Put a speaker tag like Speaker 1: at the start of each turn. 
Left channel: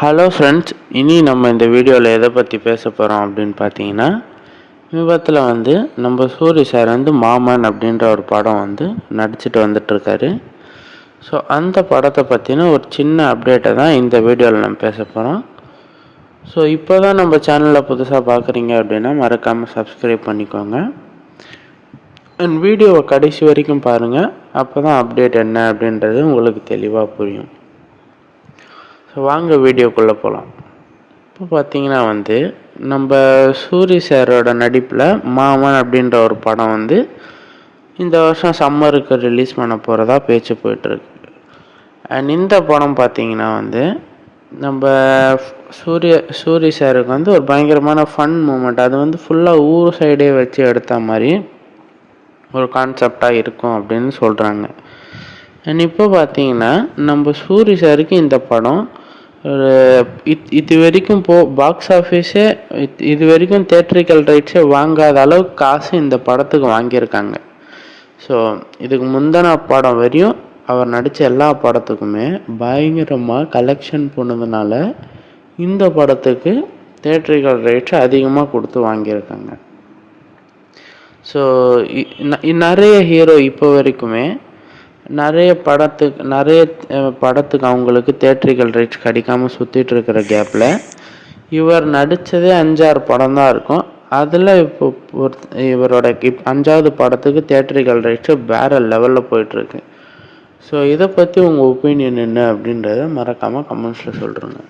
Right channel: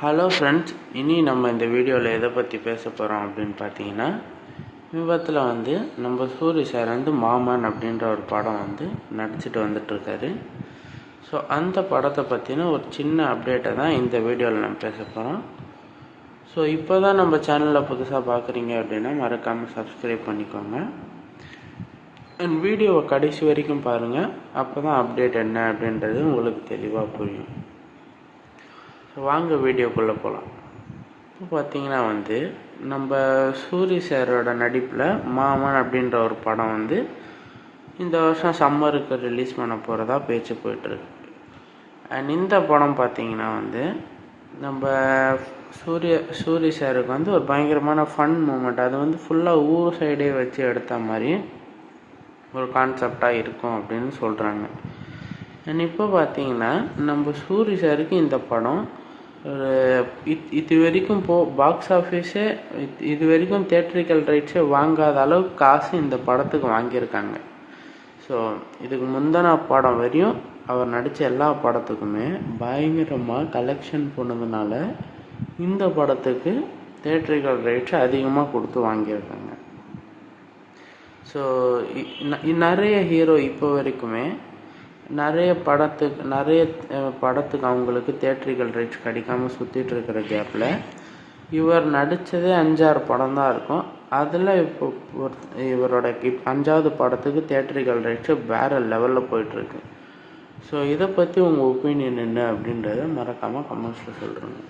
Speaker 1: Hello friends இனி நம்ம இந்த வீடியோவில் எதை பற்றி பேச போகிறோம் அப்படின்னு பார்த்தீங்கன்னா விபத்தில் வந்து நம்ம சூரி சார் வந்து மாமன் அப்படின்ற ஒரு படம் வந்து நடிச்சிட்டு வந்துட்டுருக்காரு. ஸோ அந்த படத்தை பற்றின ஒரு சின்ன அப்டேட்டை தான் இந்த வீடியோவில் நம்ம பேச போகிறோம் ஸோ இப்போ தான் நம்ம சேனலில் புதுசாக பார்க்குறீங்க அப்படின்னா மறக்காமல் சப்ஸ்கிரைப் பண்ணிக்கோங்க. அண்ட் வீடியோவை கடைசி வரைக்கும் பாருங்கள் அப்போ தான் அப்டேட் என்ன அப்படின்றது உங்களுக்கு தெளிவாக புரியும். ஸோ வாங்க வீடியோக்குள்ளே போகலாம் இப்போ பார்த்தீங்கன்னா வந்து நம்ம சூரி சாரோட நடிப்பில் மாமன் அப்படின்ற ஒரு படம் வந்து இந்த வருஷம் சம்மருக்கு ரிலீஸ் பண்ண போகிறதா பேச்சு போயிட்டுருக்கு. அண்ட் இந்த படம் பார்த்தீங்கன்னா வந்து நம்ம சூரிய சூரி சாருக்கு வந்து ஒரு பயங்கரமான ஃபன் மூமெண்ட் அது வந்து ஃபுல்லாக ஊர் சைடே வச்சு எடுத்த மாதிரி ஒரு கான்செப்டாக இருக்கும் அப்படின்னு சொல்கிறாங்க அண்ட் இப்போ பார்த்தீங்கன்னா நம்ம சூரி சாருக்கு இந்த படம் இது வரைக்கும் போ பாக்ஸ் ஆஃபீஸே இது வரைக்கும் தேட்ரிக்கல் ரைட்ஸே வாங்காத அளவுக்கு காசு இந்த படத்துக்கு வாங்கியிருக்காங்க. ஸோ இதுக்கு முந்தின படம் வரையும் அவர் நடித்த எல்லா படத்துக்குமே பயங்கரமாக கலெக்ஷன் போனதுனால இந்த படத்துக்கு தேட்ரிக்கல் ரைட்ஸ் அதிகமாக கொடுத்து வாங்கியிருக்காங்க. ஸோ நிறைய ஹீரோ இப்போ வரைக்குமே நிறைய படத்துக்கு நிறைய படத்துக்கு அவங்களுக்கு தேட்ரிக்கல் ரைட்ஸ் கிடைக்காம சுற்றிட்டு இருக்கிற கேப்பில் இவர் நடித்ததே அஞ்சாறு படம் தான் இருக்கும். அதில் இப்போ இவரோட இப் அஞ்சாவது படத்துக்கு தேட்ரிக்கல் ரைட்ஸு வேறு லெவலில் போயிட்டுருக்கு. ஸோ இதை பற்றி உங்கள் ஒப்பீனியன் என்ன அப்படின்றத மறக்காமல் கமெண்ட்ஸில் சொல்கிறேங்க